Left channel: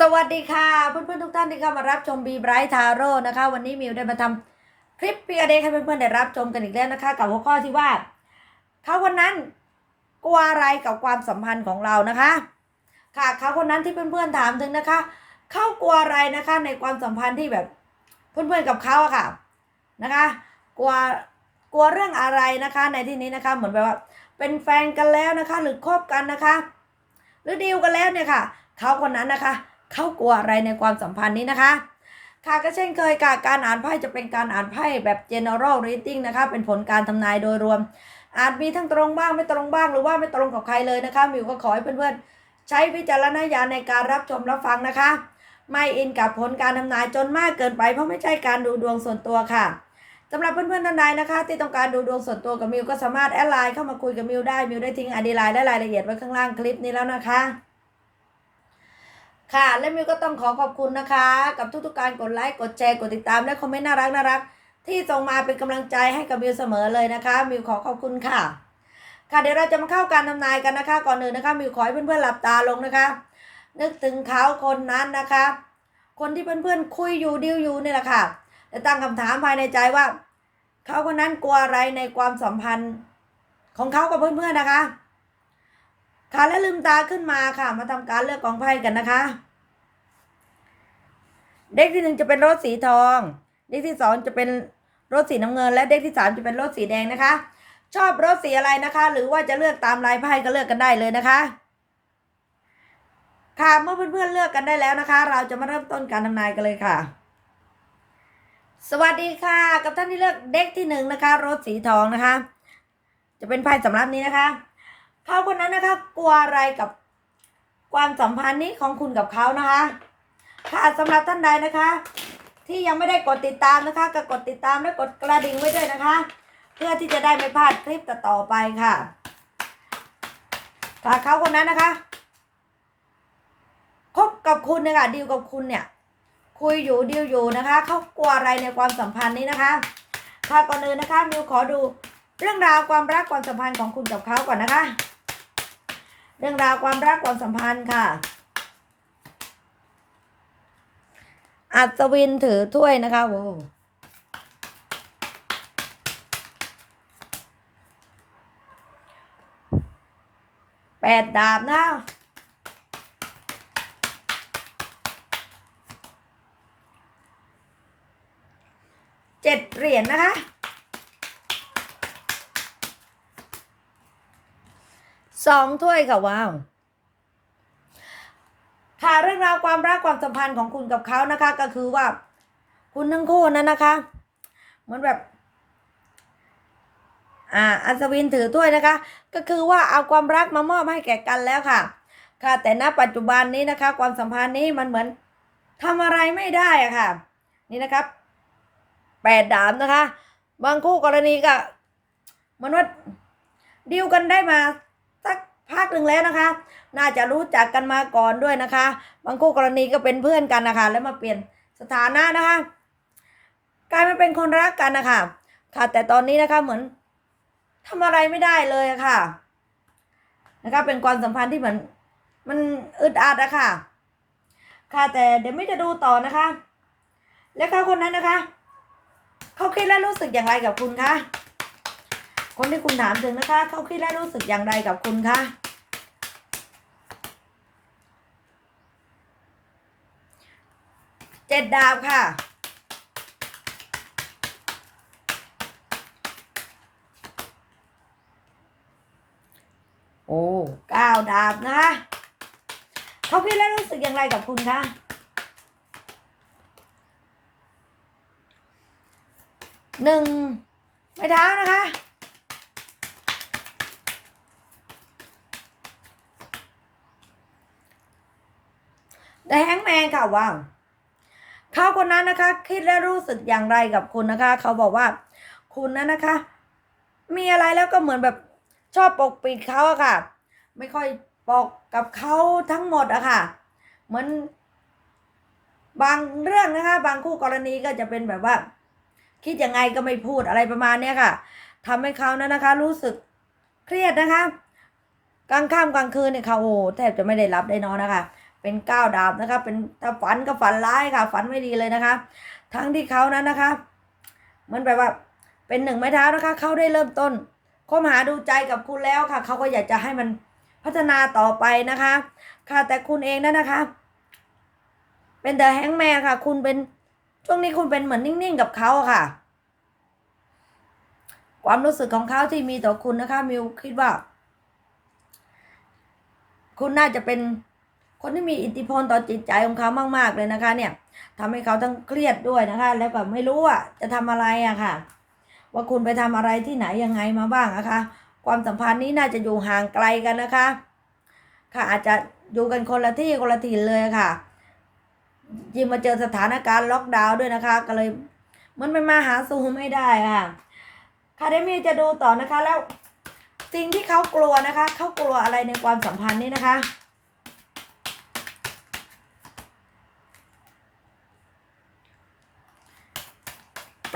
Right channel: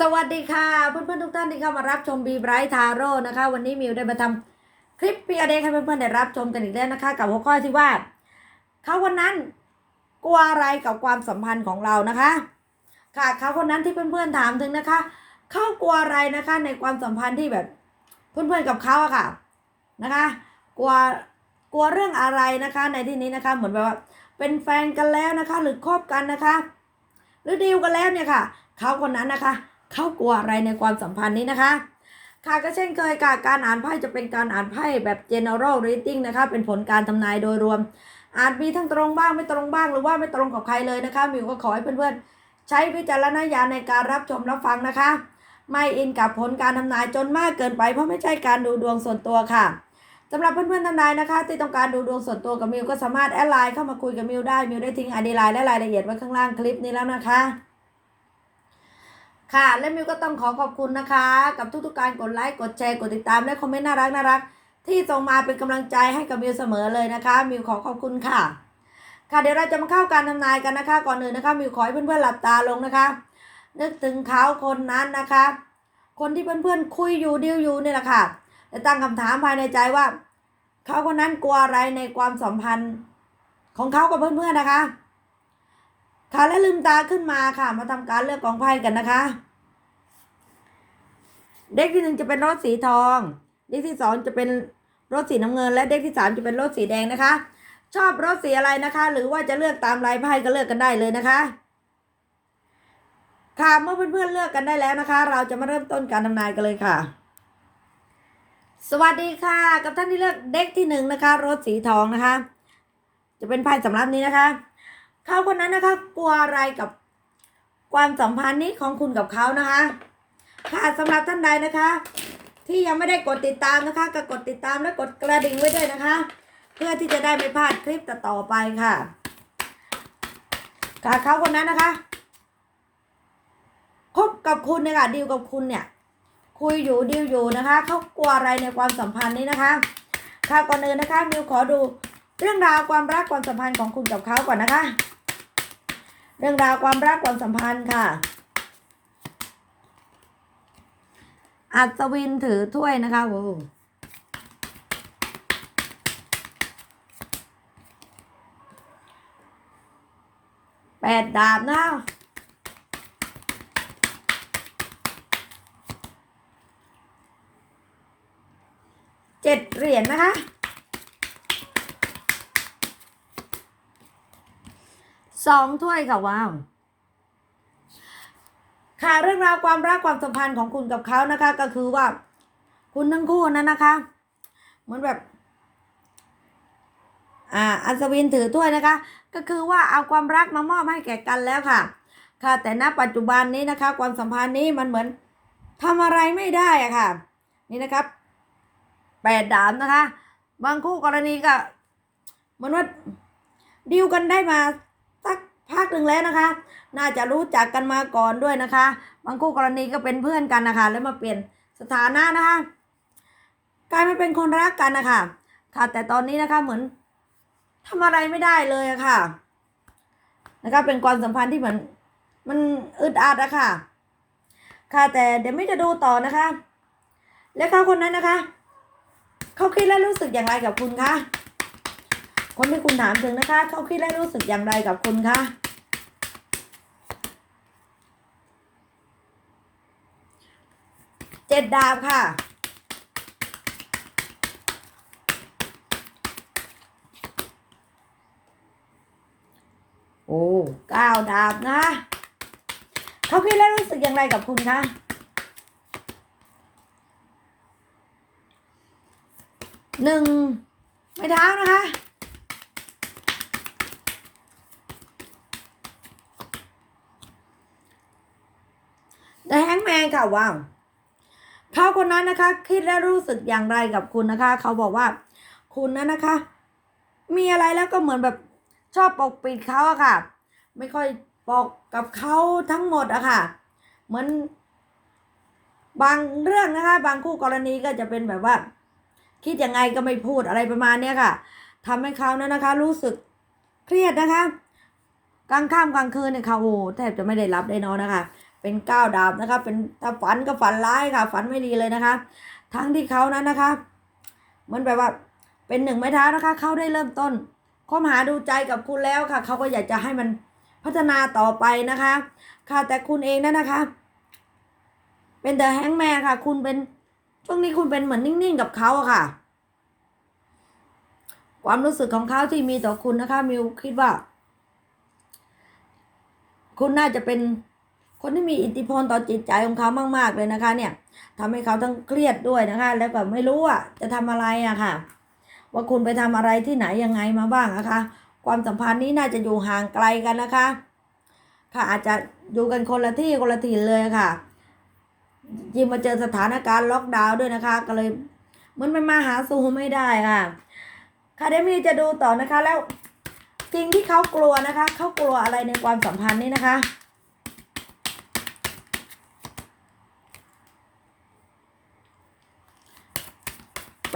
สวัสดีค่ะเพื่อนๆทุกท่านที่เข้ามารับชมบีไบรท์ทาโร่นะคะ วันนี้มิวได้มาทำคลิปพีอเดให้เพื่อนๆได้รับชมกันอีกแล้วนะคะ กับหัวข้อที่ว่าเขาคนนั้นกลัวอะไรกับความสัมพันธ์ของเรานะคะ ค่ะเขาคนนั้นที่เพื่อนๆถามถึงนะคะเขากลัวอะไรนะคะในความสัมพันธ์ที่แบบเพื่อนๆกับเขาอะค่ะนะคะ กลัวกลัวเรื่องอะไรนะคะ ในที่นี้นะคะเหมือนแบบว่า เป็นแฟนกันแล้วนะคะ หรือคบกันนะคะ หรือดีลกันแล้วเนี่ยค่ะเขาคนนั้นนะคะ เขากลัวอะไรในความสัมพันธ์นี้นะคะค่ะก็เช่นเคยค่ะการอ่านไพ่จะเป็นการอ่านไพ่แบบ general reading นะคะ เป็นผลการทำนายโดยรวม อาจมีทั้งตรงบ้างไม่ตรงบ้าง หรือว่าไม่ตรงกับใครเลยนะคะมิวก็ขอให้เพื่อนๆ ใช้วิจารณญาณในการรับชมรับฟังนะคะ ไม่อินกับผลการทำนายจนมากเกินไป เพราะไม่ใช่การดูดวงส่วนตัวค่ะสำหรับเพื่อนๆท่านใดนะคะ ที่ต้องการดูดวงส่วนตัวกับมิวก็สามารถแอดไลน์เข้ามาคุยกับมิวได้มิวได้ทิ้งอดีไลน์และรายละเอียดไว้ข้างล่างคลิปนี้แล้วนะคะ ค่ะ และมิวก็ต้องขอขอบคุณนะคะ กับทุกๆการกดไลค์กดแชร์กดติดตามและคอมเมนต์น่ารักน่ารักที่ส่งมาเป็นกำลังใจให้กับมิวเสมอเลยนะคะ มิวขอขอบคุณค่ะ ค่ะเดี๋ยวเราจะมาเข้าการทำนายกันนะคะ ก่อนอื่นนะคะมิวขอให้เพื่อนๆหลับตาลงนะคะ นึกถึงเขาคนนั้นนะคะ คนที่เพื่อนๆคุยอยู่ดิวอยู่นี่แหละค่ะและตั้งคำถามภายในใจว่าเขาคนนั้นกลัวอะไรในความสัมพันธ์ของเขากับเพื่อนๆนะคะ ค่ะและลืมตาขึ้นมาค่ะ มาทำการเลือกกองไพ่กันนะคะ เด็กที่หนึ่งจะเป็นรถสีทอง เด็กที่สองจะเป็นรถสีน้ำเงิน และเด็กที่สามจะเป็นรถสีแดงนะคะ ชอบรถสีอะไรนะคะ หรือว่าจะเลือกตามลายไพ่ก็เลือกกันได้เลยนะคะ ค่ะเมื่อเพื่อนๆเลือกกันได้แล้วนะคะ เราจะมาเริ่มต้นการทำนายกันเลยค่ะ สวัสดีค่ะ กับท่านที่เลือกเด็กที่หนึ่งนะคะ รถสีทองนะคะ จะเป็นไพ่สำรับนี้นะคะ เขาคนนั้นนะคะ กลัวอะไรกับความสัมพันธ์นี้ของคุณกับเขานะคะ ค่ะสำหรับท่านใดนะคะ ที่ยังไม่ได้กดติดตามนะคะก็กดติดตามและกดกระดิ่งไว้ด้วยนะคะ เพื่อที่จะได้ไม่พลาดคลิปต่อไปค่ะ ค่ะเขาคนนั้นนะคะคบกับคุณเนี่ยค่ะดีลกับคุณเนี่ย คุยอยู่ดีลอยู่นะคะเขากลัวอะไรในความสัมพันธ์นี้นะคะค่ะก่อนอื่นนะคะมิวขอดูเรื่องราวความรักความสัมพันธ์ของคุณกับเขาก่อนนะคะ เรื่องราวความรักความสัมพันธ์ค่ะ อัศวินถือถ้วยนะคะโว้แปดดาบนะเจ็ดเหรียญนะคะ สองถ้วยค่ะว้าวค่ะเรื่องราวความรักความสัมพันธ์ของคุณกับเขานะคะ ก็คือว่า คุณทั้งคู่นั้นนะคะ เหมือนแบบ อ่า อัศวินถือถ้วยนะคะ ก็คือว่าเอาความรักมามอบให้แก่กันแล้วค่ะ ค่ะ แต่ณปัจจุบันนี้นะคะ ความสัมพันธ์นี้มันเหมือนทำอะไรไม่ได้อะค่ะ นี่นะครับแปดดาบนะคะ บางคู่กรณีก็เหมันว่าดิวกันได้มา พักหนึ่งแล้วนะคะ น่าจะรู้จักกันมาก่อนด้วยนะคะ บางคู่กรณีก็เป็นเพื่อนกันนะคะ แล้วมาเปลี่ยนสถานะนะคะกลายมาเป็นคนรักกันนะคะค่ะ แต่ตอนนี้นะคะเหมือนทำอะไรไม่ได้เลยอะค่ะนะคะเป็นความสัมพันธ์ที่เหมือนมันอึดอัดอะค่ะ ค่ะแต่เดี๋ยวไม่จะดูต่อนะคะ แล้วเขาคนนั้นนะคะ เขาคิดและรู้สึกอย่างไรกับคุณคะ คนที่คุณถามถึงนะคะ เขาคิดและรู้สึกอย่างไรกับคุณคะเจ็ดดาบค่ะ โอ้เก้าดาบนะคะเขาคิดและรู้สึกอย่างไรกับคุณคะหนึ่งไม้เท้านะคะ แต่แฮงแมนค่ะว้าเขาคนนั้นนะคะ คิดและรู้สึกอย่างไรกับคุณนะคะ เขาบอกว่า คุณนั้นนะคะ มีอะไรแล้วก็เหมือนแบบชอบปกปิดเขาอะค่ะ ไม่ค่อยบอกกับเขาทั้งหมดอะค่ะ เหมือน บางเรื่องนะคะ บางคู่กรณีก็จะเป็นแบบว่า คิดยังไงก็ไม่พูดอะไรประมาณเนี้ยค่ะทำให้เขานั้นนะคะ รู้สึกเครียดนะคะกลางค่ำกลางคืนเนี่ยเขาโอ้แทบจะไม่ได้รับได้นอนนะคะ เป็นก้าวดาบนะคะ เป็นถ้าฝันก็ฝันร้ายค่ะ ฝันไม่ดีเลยนะคะ ทั้งที่เขานั้นนะคะเหมันแบบว่าเป็นหนึ่งไม้เท้านะคะ เขาได้เริ่มต้นคบหาดูใจกับคุณแล้วค่ะ เขาก็อยากจะให้มันพัฒนาต่อไปนะคะ ค่ะแต่คุณเองนั่นนะคะ เป็นเดอะแฮงแมนค่ะ คุณเป็นช่วงนี้คุณเป็นเหมือนนิ่งๆกับเขาค่ะ ความรู้สึกของเขาที่มีต่อคุณนะคะมิวคิดว่า คุณน่าจะเป็น คนที่มีอิทธิพลต่อจิตใจของเขามาก ๆ เลยนะคะเนี่ยทำให้เขาต้องเครียดด้วยนะคะ แล้วก็ไม่รู้ว่าจะทำอะไรอะค่ะ ว่าคุณไปทำอะไรที่ไหนยังไงมาบ้างนะคะ ความสัมพันธ์นี้น่าจะอยู่ห่างไกลกันนะคะ ค่ะอาจจะอยู่กันคนละที่คนละถิ่นเลยค่ะ ยิ่งมาเจอสถานการณ์ล็อกดาวน์ด้วยนะคะ ก็เลยมันไม่มาหาสู่ไม่ได้ค่ะค่ะเดยวมีจะดูต่อนะคะแล้วสิ่งที่เขากลัวนะคะ เขากลัวอะไรในความสัมพันธ์นี้นะคะ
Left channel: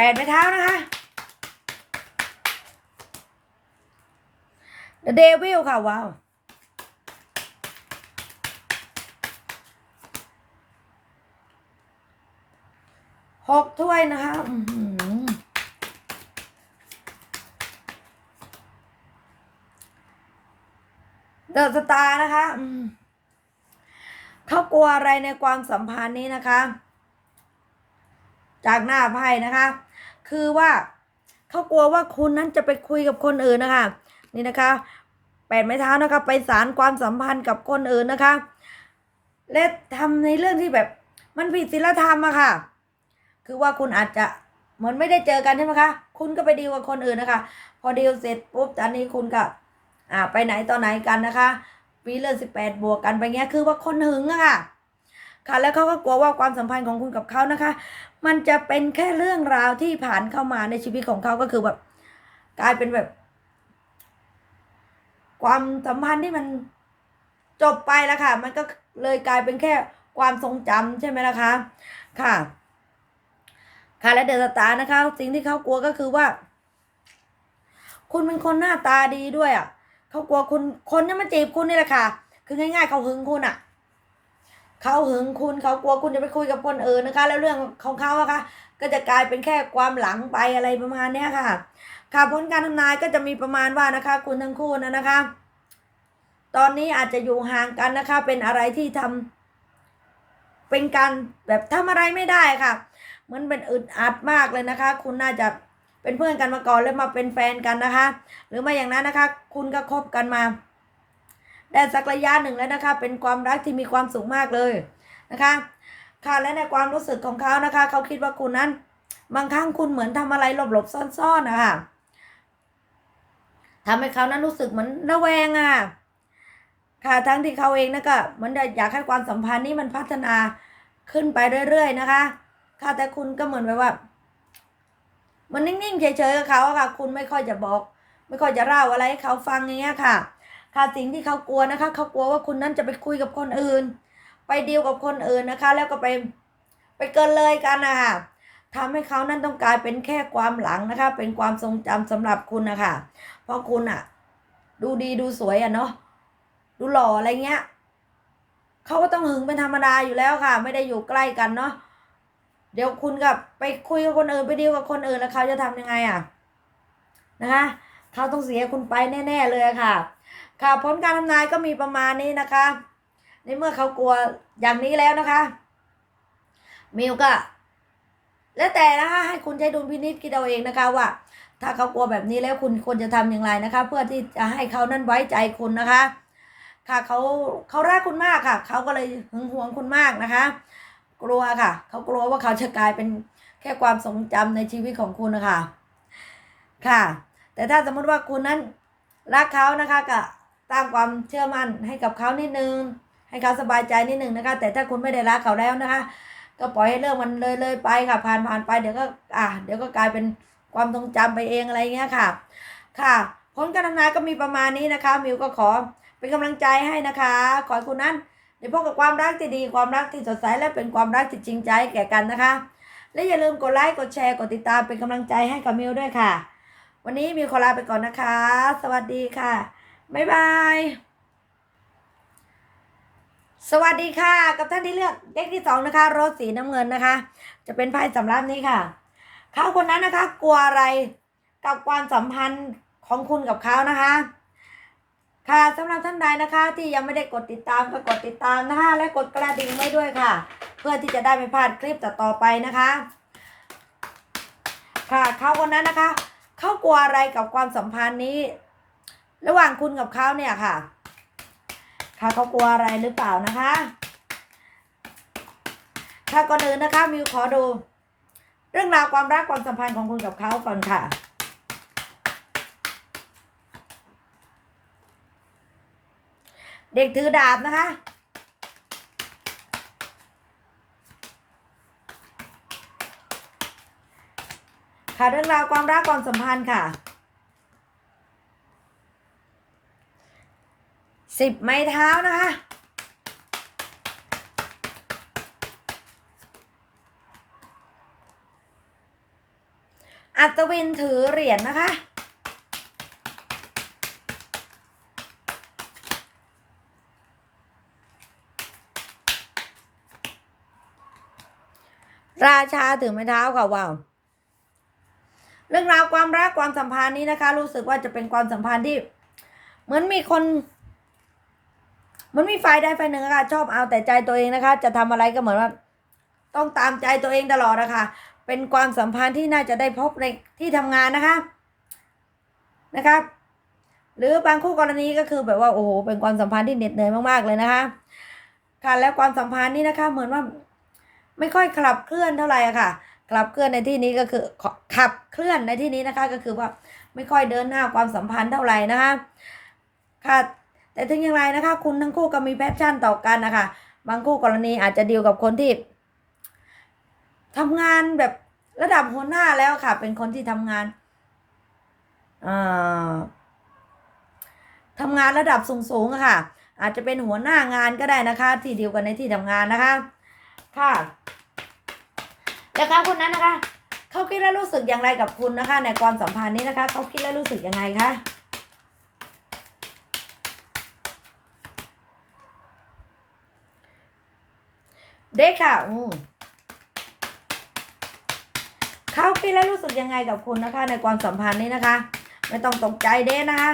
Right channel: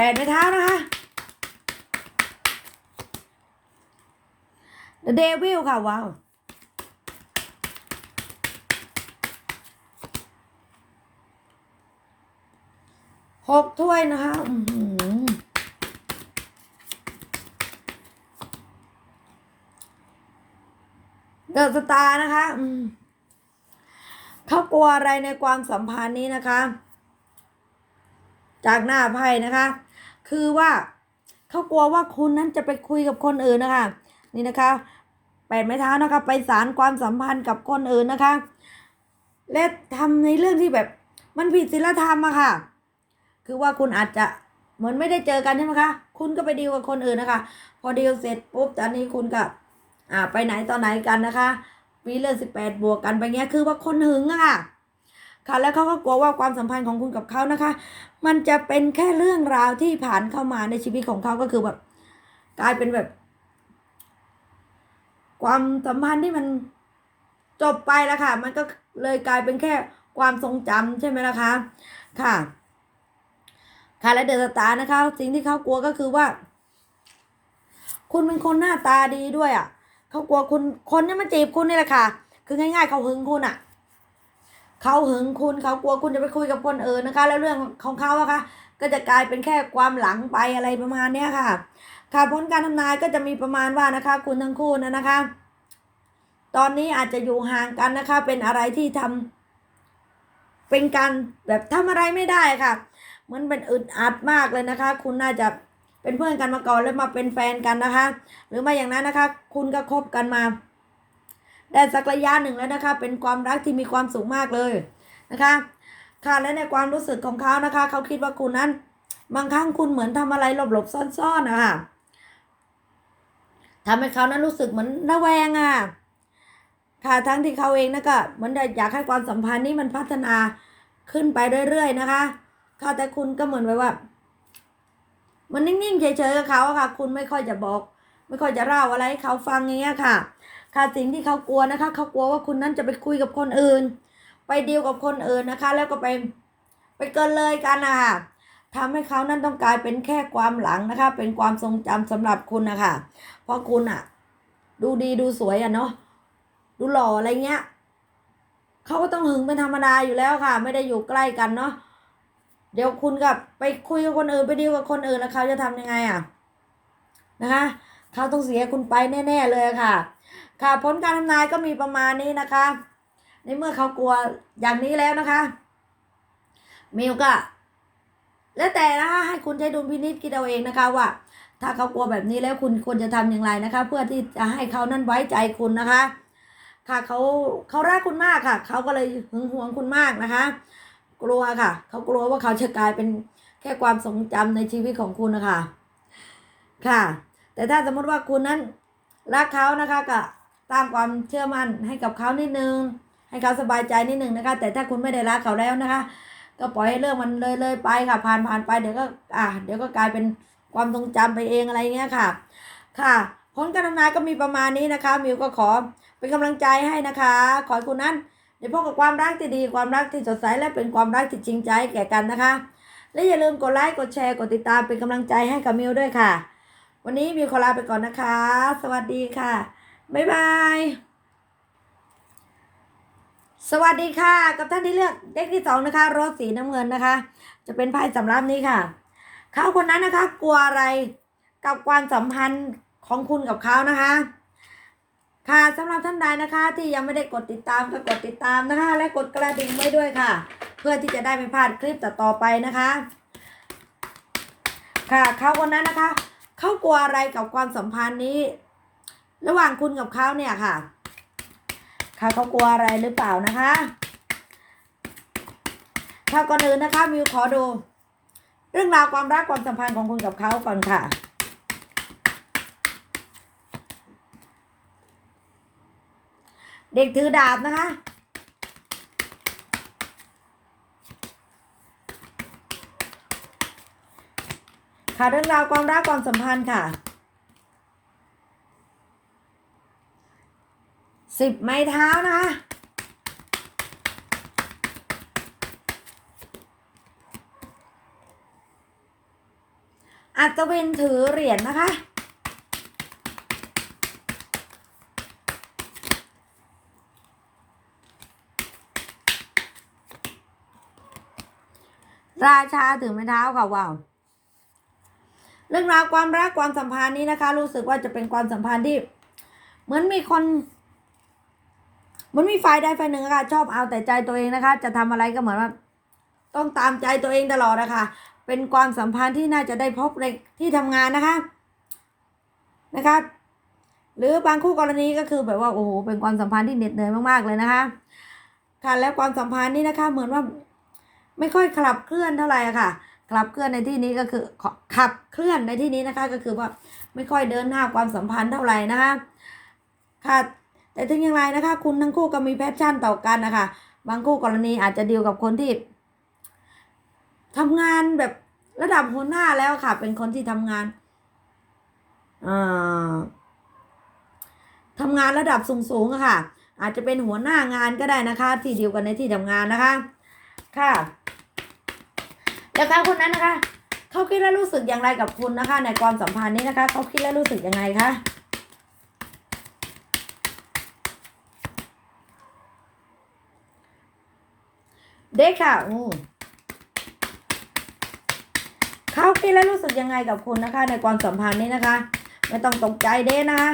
แปดไม้เท้านะคะ The Devil ค่ะ ว้าวหกถ้วยนะคะเดอะสตาร์นะคะเขากลัวอะไรในความสัมพันธ์นี้นะคะ จากหน้าไพ่นะคะ คือว่าเขากลัวว่าคุณนั้นจะไปคุยกับคนอื่นนะคะ นี่นะคะแปดไม้เท้านะคะไปสารความสัมพันธ์กับคนอื่นนะคะ และทำในเรื่องที่แบบมันผิดศีลธรรมอะค่ะ คือว่าคุณอาจจะเหมือนไม่ได้เจอกันใช่ไหมคะ คุณก็ไปดีลกับคนอื่นนะคะ พอดีลเสร็จปุ๊บตอนนี้คุณก็อ่าไปไหนต่อไหนกันนะคะปีเรื่องสิบแปดบวกกันไปเงี้ยคือว่าคนหึงอะค่ะ ค่ะ แล้วเขาก็กลัวว่าความสัมพันธ์ของคุณกับเขานะคะ มันจะเป็นแค่เรื่องราวที่ผ่านเข้ามาในชีวิตของเขาก็คือแบบกลายเป็นแบบ ความสัมพันธ์ที่มันจบไปแล้วค่ะ มันก็เลยกลายเป็นแค่ความทรงจำใช่ไหมล่ะคะ ค่ะ ค่ะและเดอะสตาร์นะคะ สิ่งที่เขากลัวก็คือว่า คุณเป็นคนหน้าตาดีด้วยอะเขากลัวคุณคนที่มาจีบคุณนี่แหละค่ะ คือง่ายๆเขาหึงคุณอะ เขาหึงคุณเขากลัวคุณจะไปคุยกับคนอื่นนะคะ แล้วเรื่องของเขาอะคะก็จะกลายเป็นแค่ความหลังไปอะไรประมาณเนี้ยค่ะ ค่ะผลการทำนายก็จะมีประมาณว่านะคะ คุณทั้งคู่นะนะคะ ตอนนี้อาจจะอยู่ห่างกันนะคะ เป็นอะไรที่ทำเป็นการแบบทำอะไรไม่ได้ค่ะเหมือนเป็นอึดอัดมากเลยนะคะ คุณน่าจะเป็นเพื่อนกันมาก่อนแล้วมาเป็นแฟนกันนะคะ หรือไม่อย่างนั้นนะคะ คุณก็คบกันมา ได้สักระยะหนึ่งแล้วนะคะ เป็นความรักที่มีความสุขมากเลยนะคะ ค่ะและในความรู้สึกของเขานะคะ เขาคิดว่าคุณนั้น บางครั้งคุณเหมือนทำอะไรหลบๆซ่อนๆนะคะทำให้เขานั้นรู้สึกเหมือนระแวงอะค่ะทั้งที่เขาเองนะก็เหมือนอยากให้ความสัมพันธ์นี้มันพัฒนาขึ้นไปเรื่อยๆนะคะค่ะแต่คุณก็เหมือนแบบว่า มันนิ่งๆเฉยๆกับเขาอะค่ะ คุณไม่ค่อยจะบอก ไม่ค่อยจะเล่าอะไรให้เขาฟังอย่างเงี้ยค่ะ ค่ะสิ่งที่เขากลัวนะคะ เขากลัวว่าคุณนั้นจะไปคุยกับคนอื่น ไปดีลกับคนอื่นนะคะ แล้วก็ไปไปเกินเลยกันนะคะทำให้เขานั้นต้องกลายเป็นแค่ความหลังนะคะ เป็นความทรงจำสำหรับคุณนะคะเพราะคุณอะดูดีดูสวยอะเนาะดูหล่ออะไรเงี้ยเขาก็ต้องหึงเป็นธรรมดาอยู่แล้วค่ะ ไม่ได้อยู่ใกล้กันเนาะเดี๋ยวคุณกับไปคุยกับคนอื่นไปดีลกับคนอื่นแล้วเขาจะทำยังไงอะนะคะ เขาต้องเสียคุณไปแน่ ๆ เลยค่ะ ค่ะผลการทำนายก็มีประมาณนี้นะคะ ในเมื่อเขากลัวอย่างนี้แล้วนะคะมิวก็แล้วแต่นะคะให้คุณใช้ดุลพินิจคิดเอาเองนะคะว่า ถ้าเขากลัวแบบนี้แล้วคุณควรจะทำอย่างไรนะคะ เพื่อที่จะให้เขานั้นไว้ใจคุณนะคะ ค่ะเขาเขารักคุณมากค่ะ เขาก็เลยหึงหวงคุณมากนะคะ กลัวค่ะ เขากลัวว่าเขาจะกลายเป็นแค่ความทรงจำในชีวิตของคุณนะคะค่ะ แต่ถ้าสมมติว่าคุณนั้นรักเขานะคะก็ ตามความเชื่อมั่นให้กับเขานิดนึง ให้เขาสบายใจนิดนึงนะคะ แต่ถ้าคุณไม่ได้รักเขาแล้วนะคะ ก็ปล่อยให้เรื่องมันเลยเลยไปค่ะ ผ่านผ่านไปเดี๋ยวก็อะเดี๋ยวก็กลายเป็นความทรงจำไปเองอะไรเงี้ยค่ะ ค่ะผลการทำนายก็มีประมาณนี้นะคะ มิวก็ขอเป็นกำลังใจให้นะคะ ขอให้คุณนั้นได้พบกับความรักที่ดีความรักที่สดใสและเป็นความรักที่จริงใจแก่กันนะคะ และอย่าลืมกดไลค์กดแชร์กดติดตามเป็นกำลังใจให้กับมิวด้วยค่ะ วันนี้มิวขอลาไปก่อนนะคะ สวัสดีค่ะ บ๊ายบาย สวัสดีค่ะ กับท่านที่เลือกเลขที่สองนะคะ รถสีน้ำเงินนะคะ จะเป็นไพ่สำรับนี้ค่ะ เขาคนนั้นนะคะ กลัวอะไรกับความสัมพันธ์ของคุณกับเขานะคะ ค่ะสำหรับท่านใดนะคะ ที่ยังไม่ได้กดติดตามก็กดติดตามนะคะ และกดกระดิ่งไว้ด้วยค่ะ เพื่อที่จะได้ไม่พลาดคลิปต่อๆไปนะคะ ค่ะเขาคนนั้นนะคะ เขากลัวอะไรกับความสัมพันธ์นี้ ระหว่างคุณกับเขาเนี่ยค่ะค่ะเขากลัวอะไรหรือเปล่านะคะค่ะก่อนอื่นนะคะมิวขอดู เรื่องราวความรักความสัมพันธ์ของคุณกับเขาก่อนค่ะ เด็กถือดาบนะคะค่ะเรื่องราวความรักความสัมพันธ์ค่ะ สิบไม้เท้านะคะอัศวินถือเหรียญนะคะ ราชาถือไม้เท้าค่ะว้าว เรื่องราวความรักความสัมพันธ์นี้นะคะ รู้สึกว่าจะเป็นความสัมพันธ์ที่ เหมือนมีคน มันมีฝ่ายใดฝ่ายหนึ่งอะค่ะชอบเอาแต่ใจตัวเองนะคะ จะทำอะไรก็เหมือนว่าต้องตามใจตัวเองตลอดนะคะ เป็นความสัมพันธ์ที่น่าจะได้พบในที่ทำงานนะคะนะคะหรือบางคู่กรณีก็คือแบบว่าโอ้โหเป็นความสัมพันธ์ที่เหน็ดเหนื่อยมากๆเลยนะคะ ค่ะและความสัมพันธ์นี้นะคะ เหมือนว่าไม่ค่อยขับเคลื่อนเท่าไหร่ะค่ะขับเคลื่อนในที่นี้ก็คือขับเคลื่อนในที่นี้นะคะ ก็คือว่าไม่ค่อยเดินหน้าความสัมพันธ์เท่าไหร่นะคะค่ะ แต่ถึงอย่างไรนะคะ คุณทั้งคู่ก็มีแพชชั่นต่อกันนะคะ บางคู่กรณีอาจจะดีลกับคนที่ทำงานแบบระดับหัวหน้าแล้วค่ะ เป็นคนที่ทำงานอ่าทำงานระดับสูงๆค่ะ อาจจะเป็นหัวหน้างานก็ได้นะคะ ที่เดีลกันในที่ทำงานนะคะ ค่ะแล้วเขาคนนั้นนะคะ เขาคิดและรู้สึกอย่างไรกับคุณนะคะ ในความสัมพันธ์นี้นะคะ เขาคิดและรู้สึกยังไงคะ เด็กค่ะ อืมเขาคิดและรู้สึกยังไงกับคุณนะคะ ในความสัมพันธ์นี้นะคะ ไม่ต้องตกใจเด้นะคะ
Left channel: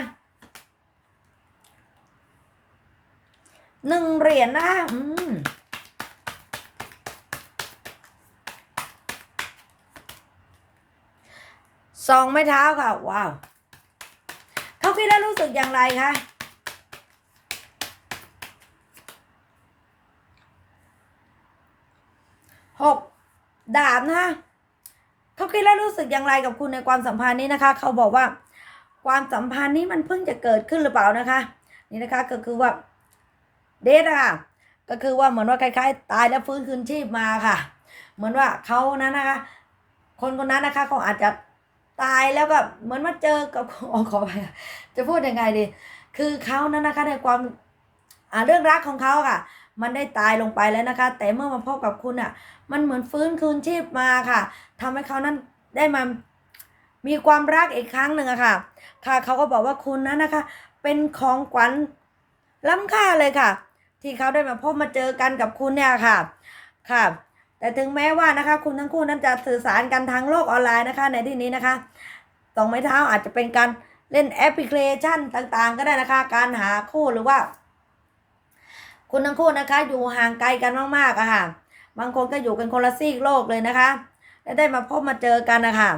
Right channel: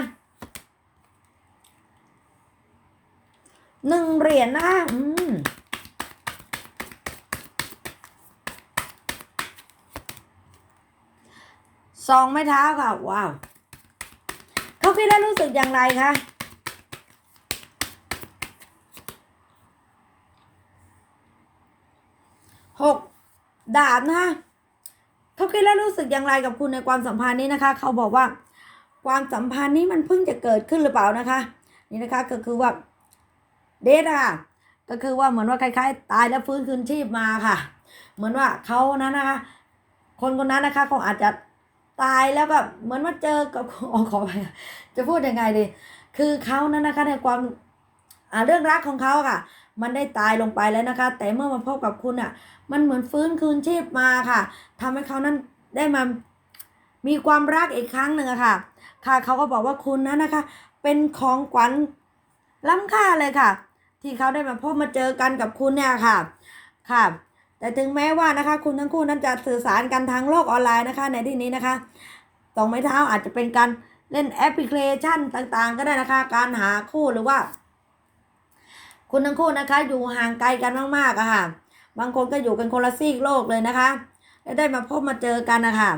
หนึ่งเหรียญนะคะอืมสองไม้เท้าค่ะ ว้าว เขาคิดแล้วรู้สึกอย่างไรคะ หก ดาบนะคะเขาคิดแล้วรู้สึกอย่างไรกับคุณในความสัมพันธ์นี้นะคะ เขาบอกว่า ความสัมพันธ์นี้มันเพิ่งจะเกิดขึ้นหรือเปล่านะคะ นี่นะคะก็คือว่าเดทอะค่ะก็คือว่าเหมือนว่าคล้ายๆ ตายแล้วฟื้นคืนชีพมาค่ะ เหมือนว่าเขานั้นนะคะ คนคนนั้นนะคะเขาอาจจะตายแล้วแบบเหมือนมาเจอกับอ๋อขอไปจะพูดยังไงดี คือเขานั้นนะคะในความเรื่องรักของเขาค่ะ มันได้ตายลงไปแล้วนะคะ แต่เมื่อมาพบกับคุณอะ มันเหมือนฟื้นคืนชีพมาค่ะทำให้เขานั้นได้มามีความรักอีกครั้งหนึ่งอะค่ะ ค่ะเขาก็บอกว่าคุณนั้นนะคะ เป็นของขวัญล้ำค่าเลยค่ะ ที่เขาได้มาพบมาเจอกันกับคุณเนี่ยค่ะค่ะ แต่ถึงแม้ว่านะคะ คุณทั้งคู่นั้นจะสื่อสารกันทางโลกออนไลน์นะคะ ในที่นี้นะคะสองไม้เท้าอาจจะเป็นการเล่นแอปพลิเคชันต่างๆ ก็ได้นะคะ การหาคู่หรือว่า คุณทั้งคู่นะคะ อยู่ห่างไกลกันมากๆอะค่ะ บางคนก็อยู่กันคนละซีกโลกเลยนะคะและได้มาพบมาเจอกันนะคะ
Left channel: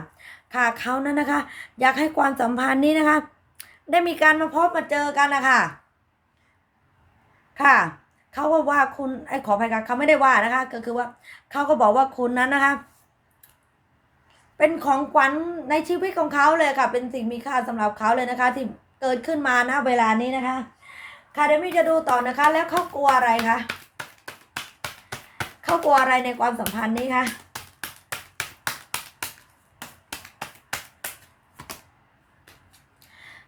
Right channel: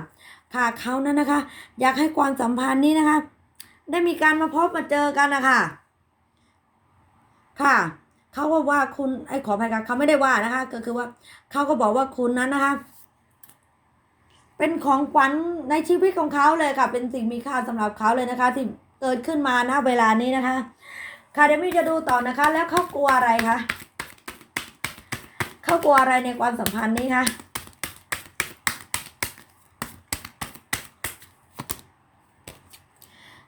ค่ะเขานั้นนะคะ อยากให้ความสัมพันธ์นี้นะคะ ได้มีการมาพบมาเจอกันนะคะค่ะเขาก็ว่าคุณไอ้ขออภัยค่ะเขาไม่ได้ว่านะคะ ก็คือว่าเขาก็บอกว่าคุณนั้นนะคะ เป็นของขวัญในชีวิตของเขาเลยค่ะ เป็นสิ่งมีค่าสำหรับเขาเลยนะคะ ที่เกิดขึ้นมาณเวลานี้นะคะ ค่ะเดี๋ยวมี่จะดูต่อนะคะ แล้วเขากลัวอะไรคะเขากลัวอะไรในความสัมพันธ์นี้คะ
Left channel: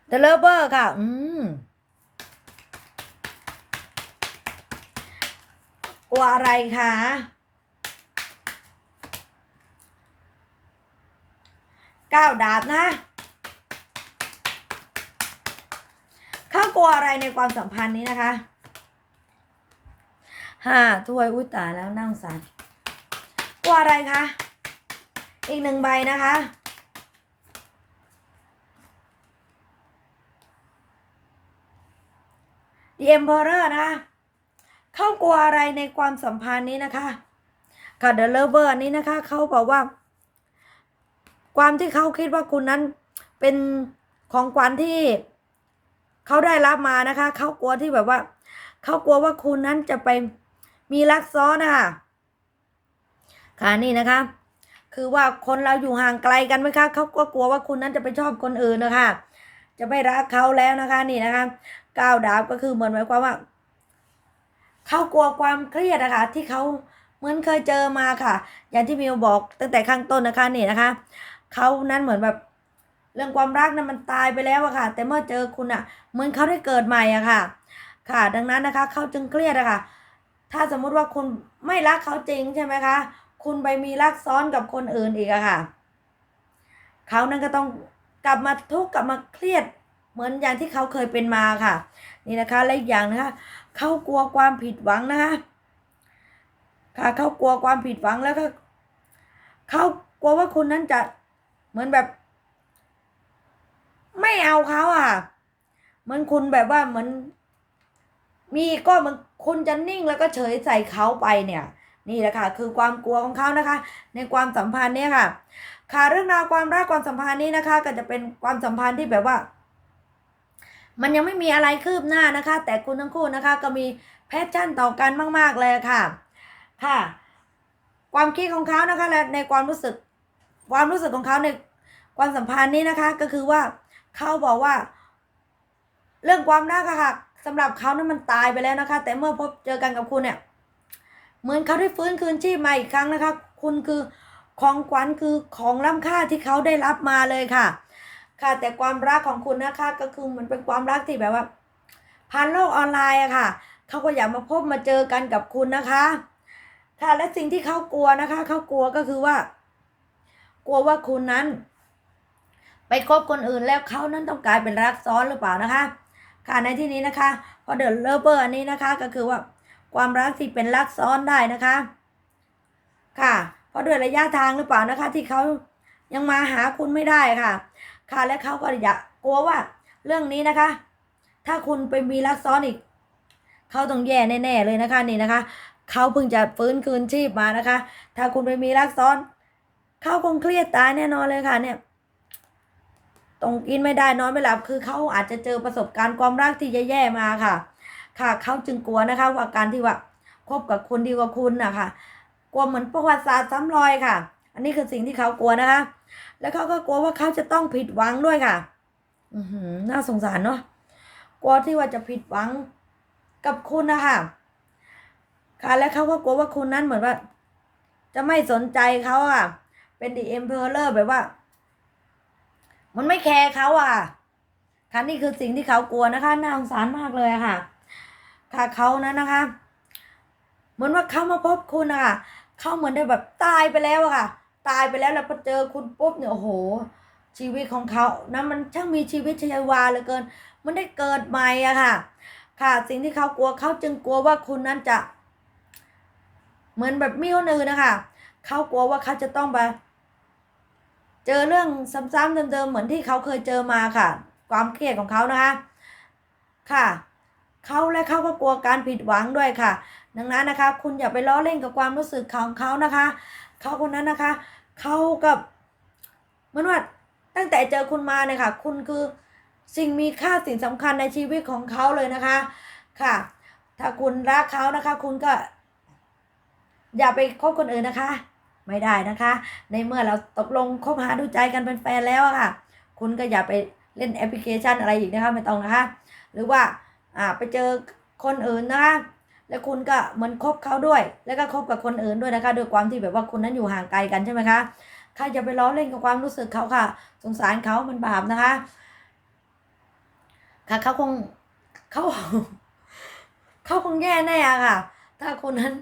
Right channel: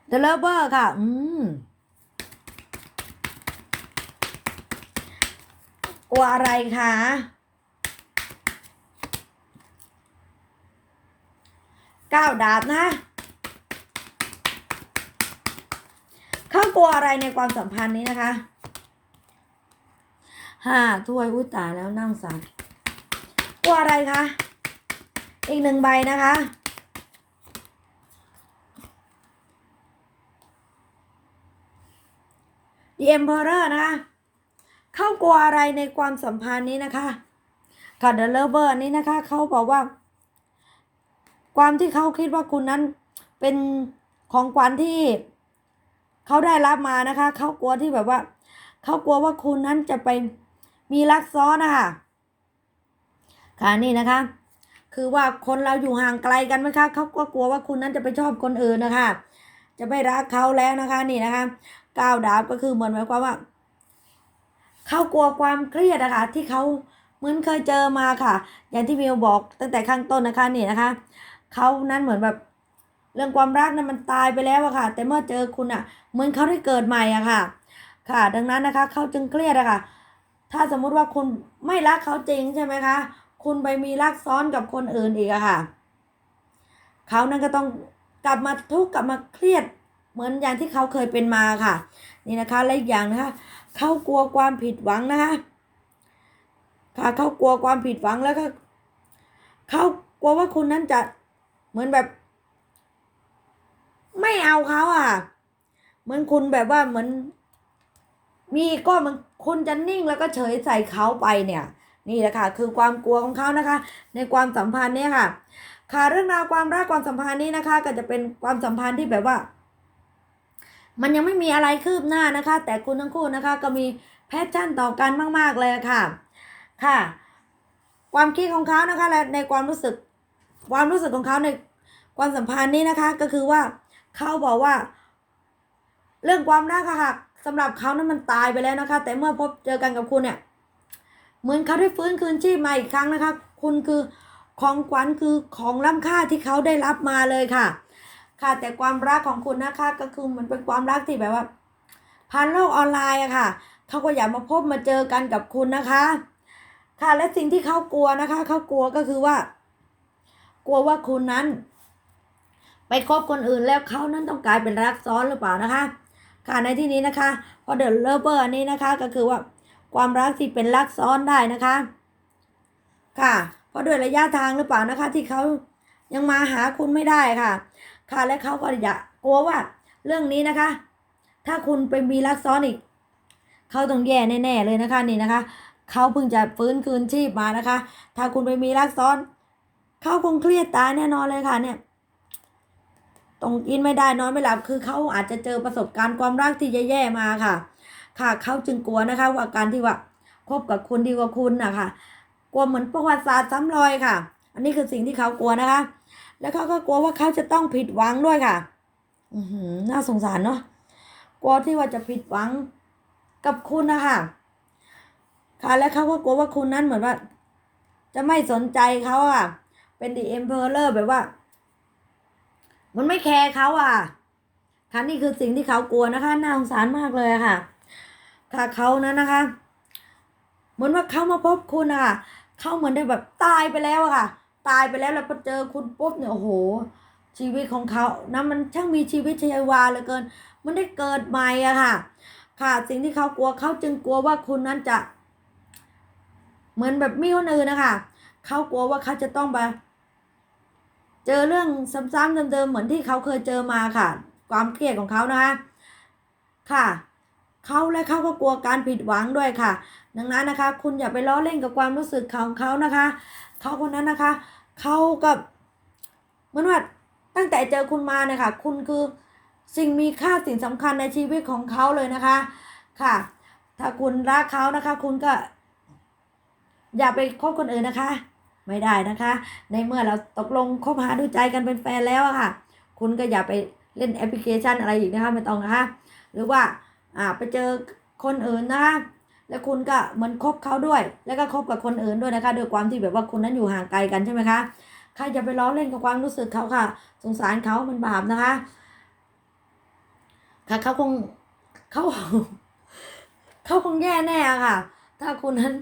เดลเบอร์ค่ะ อืมกลัวอะไรคะก้าวดาบนะ เขากลัวอะไรในความสัมพันธ์นี้นะคะห้าถ้วยอุ้ยตายแล้วนั่งสารกลัวอะไรคะ อีกหนึ่งใบนะคะ The Emperor นะคะเขากลัวอะไรในความสัมพันธ์นี้นะคะค่ะ The Lover อันนี้นะคะเขาบอกว่า ความที่เขาคิดว่าคุณนั้นเป็นของขวัญที่ เขาได้รับมานะคะ เขากลัวที่แบบว่า เขากลัวว่าคุณนั้นจะไปมีรักซ้อนนะคะค่ะนี่นะคะ คือว่าคนเราอยู่ห่างไกลกันไหมคะเขาก็กลัวว่าคุณนั้นจะไปชอบคนอื่นนะคะ จะไม่รักเขาแล้วนะคะ นี่นะคะก้าวดาบก็คือเหมือนหมายความว่าเขากลัวความเครียดนะคะที่เขาเหมือนเคยเจอมาค่ะ อย่างที่มิวบอกตั้งแต่ข้างต้นนะคะนี่นะคะเขานั้นเหมือนแบบ เรื่องความรักนั้นมันตายไปแล้วอะค่ะ แต่เมื่อเจอคุณอะเหมือนเขาได้เกิดใหม่อะค่ะ ค่ะ ดังนั้นนะคะเขาจึงเครียดอะค่ะ ถ้าสมมุติว่าคุณไม่รักเขาจริงใช่ไหมคะ คุณไปมีรักซ้อนกับคนอื่นอีกอะค่ะ เขานั้นก็ต้องกลับมาทุกข์กลับมาเครียดเหมือนอย่างที่เขาเคยเป็นมาค่ะ นี่นะคะและอีกอย่างนะคะเขากลัวความผิดหวังนะคะค่ะเขากลัวความผิดหวังแล้วก็เขากลัวว่าคุณนั้นจะเหมือนแบบ ไม่เอาเขาอะ เหมือนคุณแบบว่าเหมือน มีก็มันคุณจะนิ่งแล้วก็เฉยใส่เขาไปเนี่ย นี่แหละค่ะ คือความกลัวของเขานะคะ ในความสัมพันธ์เนี่ยค่ะ ค่ะเรื่องราวความรักความสัมพันธ์นี้นะคะ ก็จะเป็นความสัมพันธ์ที่แบบว่า มันยังไม่มีอะไรคืบหน้านะคะ แต่คุณทั้งคู่นะคะ ก็มีแพชชั่นต่อกันมาก ๆ เลยค่ะ ค่ะ ความคิดของเขานะคะและในความรู้สึก ความรู้สึกของเขาในความสัมพันธ์นี้นะคะ ก็คือว่า เขาบอกว่า เรื่องความรักอะค่ะสำหรับเขานั้นมันตายไปแล้วนะคะ แต่เมื่อพบเจอกันกับคุณเนี่ย เหมือนเขาได้ฟื้นคืนชีพมาอีกครั้งนะคะ คุณคือของขวัญคือของล้ำค่าที่เขาได้รับมาเลยค่ะ ค่ะแต่ความรักของคุณนะคะ ก็คือมันเป็นความรักที่แบบว่าผ่านโลกออนไลน์อะค่ะเขาก็อยากมาพบมาเจอกันกับคุณนะคะ ค่ะและสิ่งที่เขากลัวนะคะเขากลัวก็คือว่า กลัวว่าคุณนั้น ไปคบคนอื่นแล้วเขานั้นต้องกลายเป็นรักซ้อนหรือเปล่านะคะ ค่ะในที่นี้นะคะพอเดอะเลเวอร์อันนี้นะคะก็คือว่าความรักที่เป็นรักซ้อนได้นะคะ ค่ะเพราะด้วยระยะทางหรือเปล่านะคะ ที่เขายังมาหาคุณไม่ได้ค่ะ ค่ะและเขาก็อยากกลัวว่าเรื่องนี้นะคะ ถ้าคุณไปมีรักซ้อนอีกเขาต้องแย่แน่ๆเลยนะคะนี่นะคะเขาเพิ่งจะฟื้นคืนชีพมานะคะ ถ้าคุณไปมีรักซ้อนเขาคงเครียดตายแน่นอนเลยค่ะเนี่ย ต้องกินไม่ได้นอนไม่หลับคือเขาอาจจะเจอประสบการณ์ความรักที่แย่ๆมาค่ะ ค่ะเขาจึงกลัวนะคะ ว่าการที่ว่าคบกับคนดีกว่าคุณนะคะกลัวเหมือนประวัติศาสตร์ซ้ำรอยค่ะ อันนี้คือสิ่งที่เขากลัวนะคะ แล้วเขาก็กลัวว่าเขาจะต้องผิดหวังด้วยค่ะ อือหือน่าสงสารเนาะกลัวที่ว่าจะผิดหวังกับคุณนะคะค่ะ และเขาก็กลัวว่าคุณนั้นเหมือนว่า จะไม่สนใจเขาอะ เป็นดีเอ็มเพอร์แบบว่า มันไม่แคร์เขาอะค่ะนี่คือสิ่งที่เขากลัวนะคะน่าสงสารมากเลยค่ะ ค่ะเขานั้นนะคะ เหมือนว่าเขามาพบคุณอะคะเขาเหมือนได้แบบตายไปแล้วอะค่ะ ตายไปแล้วแล้วพอเจอคุณปุ๊บเนี่ยโอ้โห ชีวิตของเขานะมันช่างมีชีวิตชีวาเหลือเกิน มันได้เกิดใหม่อะค่ะ ค่ะสิ่งที่เขากลัวเขาจึงกลัวว่าคุณนั้นจะ เหมือนแบบมีคนอื่นนะคะเขากลัวว่าเขาจะต้องไป เจอเรื่องซ้ำๆเดิมๆเหมือนที่เขาเคยเจอมาค่ะ ความเครียดของเขานะคะค่ะเขาและเขาก็กลัวการผิดหวังด้วยค่ะ ดังนั้นนะคะ คุณอย่าไปล้อเล่นกับความรู้สึกของเขานะคะเขาคนนั้นนะคะเขากับเหมือนว่าตั้งแต่เจอคุณมาเนี่ยค่ะ คุณคือสิ่งมีค่าสิ่งสำคัญในชีวิตของเขาเลยนะคะ ค่ะ ถ้าคุณรักเขานะคะ คุณก็ อย่าไปคบคนอื่นนะคะ ไม่ได้นะคะ ในเมื่อเราตกลงคบหาดูใจกันเป็นแฟนแล้วอะค่ะ คุณก็อย่าไปเล่นแอปพลิเคชันอะไรอีกนะคะไม่ต้องนะคะ หรือว่าอ่าไปเจอคนอื่นนะคะแล้วคุณก็เหมือนคบเขาด้วย แล้วก็คบกับคนอื่นด้วยนะคะด้วยความที่แบบว่าคุณนั้นอยู่ห่างไกลกันใช่ไหมคะใครจะไปล้อเล่นกับความรู้สึกเขาค่ะ สงสารเขามันบาปนะคะ ค่ะเขาคงเขาเขาคงแย่แน่ะค่ะ ถ้าคุณนั้น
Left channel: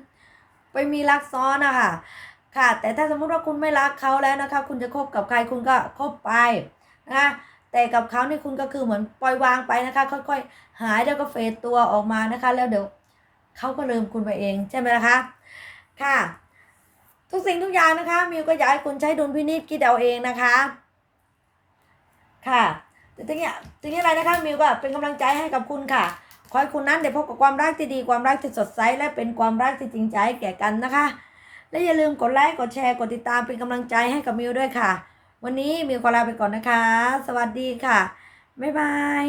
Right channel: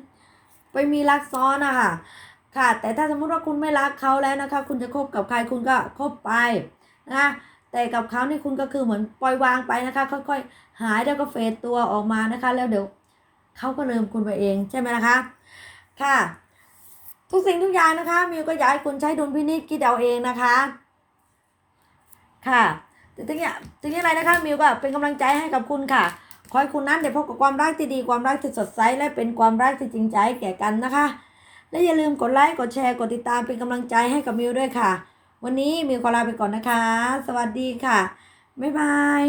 ไปมีรักซ้อนอะค่ะ ค่ะ แต่ถ้าสมมติว่าคุณไม่รักเขาแล้วนะคะ คุณจะคบกับใครคุณก็คบไปนะคะแต่กับเขานี่คุณก็คือเหมือนปล่อยวางไปนะคะ ค่อยๆหายแล้วก็เฟดตัวออกมานะคะ แล้วเดี๋ยวเขาก็ลืมคุณไปเองใช่ไหมล่ะคะค่ะ ทุกสิ่งทุกอย่างนะคะมิวก็อยากให้คุณใช้ดุลพินิจคิดเอาเองนะคะ ค่ะถึงอย่างถึงอย่างไรนะคะมิวก็เป็นกำลังใจให้กับคุณค่ะขอให้คุณนั้นได้พบกับความรักที่ดีความรักที่สดใสและเป็นความรักที่จริงใจแก่กันนะคะ และอย่าลืมกดไลค์ กดแชร์ กดติดตามเป็นกำลังใจให้กับมิวด้วยค่ะ วันนี้มิวขอลาไปก่อนนะคะ สวัสดีค่ะ บ๊ายบาย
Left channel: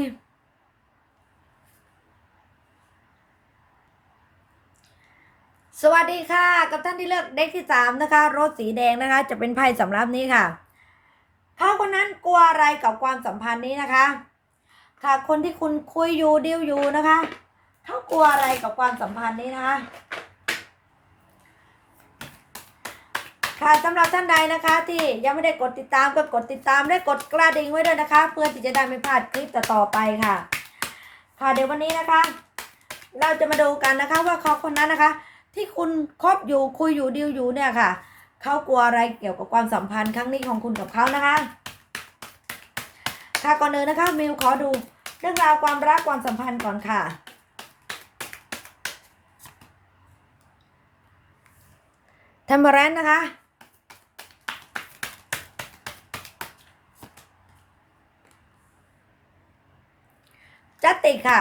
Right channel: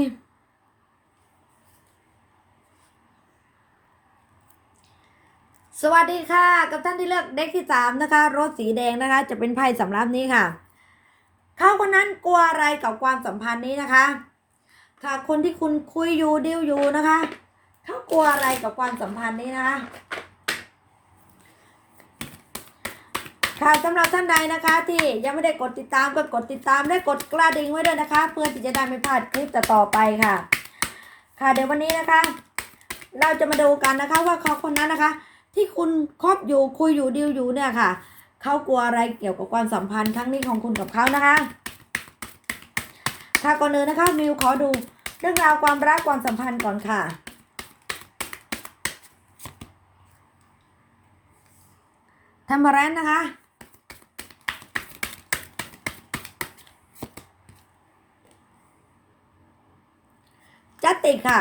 สวัสดีค่ะ กับท่านที่เลือกเด็กที่สามนะคะ รถสีแดงนะคะ จะเป็นไพ่สำรับนี้ค่ะ เขาคนนั้นกลัวอะไรกับความสัมพันธ์นี้นะคะ ค่ะ คนที่คุณคุยอยู่ดิวอยู่นะคะ เขากลัวอะไรกับความสัมพันธ์นี้นะคะ ค่ะสำหรับท่านใดนะคะที่ยังไม่ได้กดติดตามก็กดติดตามและกดกระดิ่งไว้ด้วยนะคะ เพื่อที่จะได้ไม่พลาดคลิปต่อไปค่ะ ค่ะเดี๋ยววันนี้นะคะ เราจะมาดูกันนะคะว่าเขาคนนั้นนะคะ ที่คุณคบอยู่คุยอยู่ดิวอยู่เนี่ยค่ะเขากลัวอะไรเกี่ยวกับความสัมพันธ์ครั้งนี้ของคุณกับเขานะคะ ค่ะก่อนอื่นนะคะมิวขอดูเรื่องราวความรักความสัมพันธ์ก่อนค่ะเทมเ r รนนะคะ จัตติค่ะ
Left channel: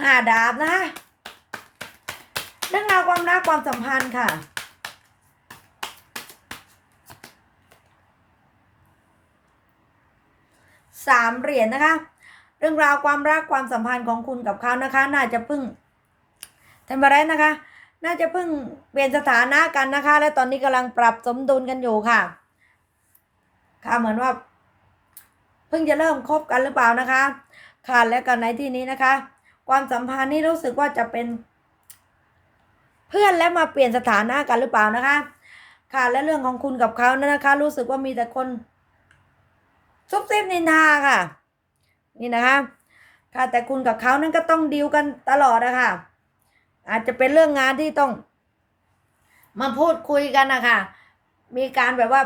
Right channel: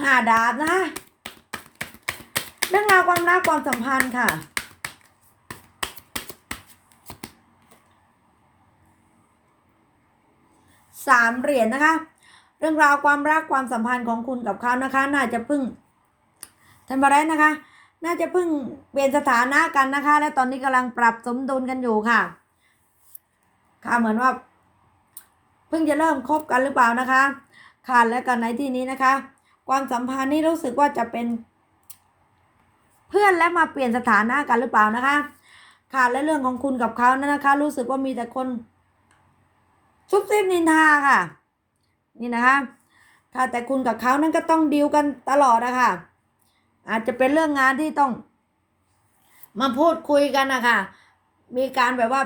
ห้าดาบนะคะเรื่องราวความรักความสัมพันธ์ค่ะสามเหรียญนะคะ เรื่องราวความรักความสัมพันธ์ของคุณกับเขานะคะ น่าจะพิ่งทำอะไรนะคะ น่าจะเพิ่งเปลี่ยนสถานะกันนะคะ และตอนนี้กำลังปรับสมดุลกันอยู่ค่ะ ค่ะเหมือนว่า เพิ่งจะเริ่มคบกันหรือเปล่านะคะ ค่ะและกันในที่นี้นะคะ ความสัมพันธ์นี่รู้สึกว่าจะเป็น เพื่อนและมาเปลี่ยนสถานะกันหรือเปล่านะคะ ค่ะและเรื่องของคุณกับเขานี่ยนะคะ รู้สึกว่ามีแต่คนซุบซิบนินทาค่ะ นี่นะคะค่ะแต่คุณกับเขานั้นก็ต้องดีลกันตลอดนะคะ อาจจะเป็นเรื่องงานที่ต้อง มาพูดคุยกันนะคะมีการแบบว่า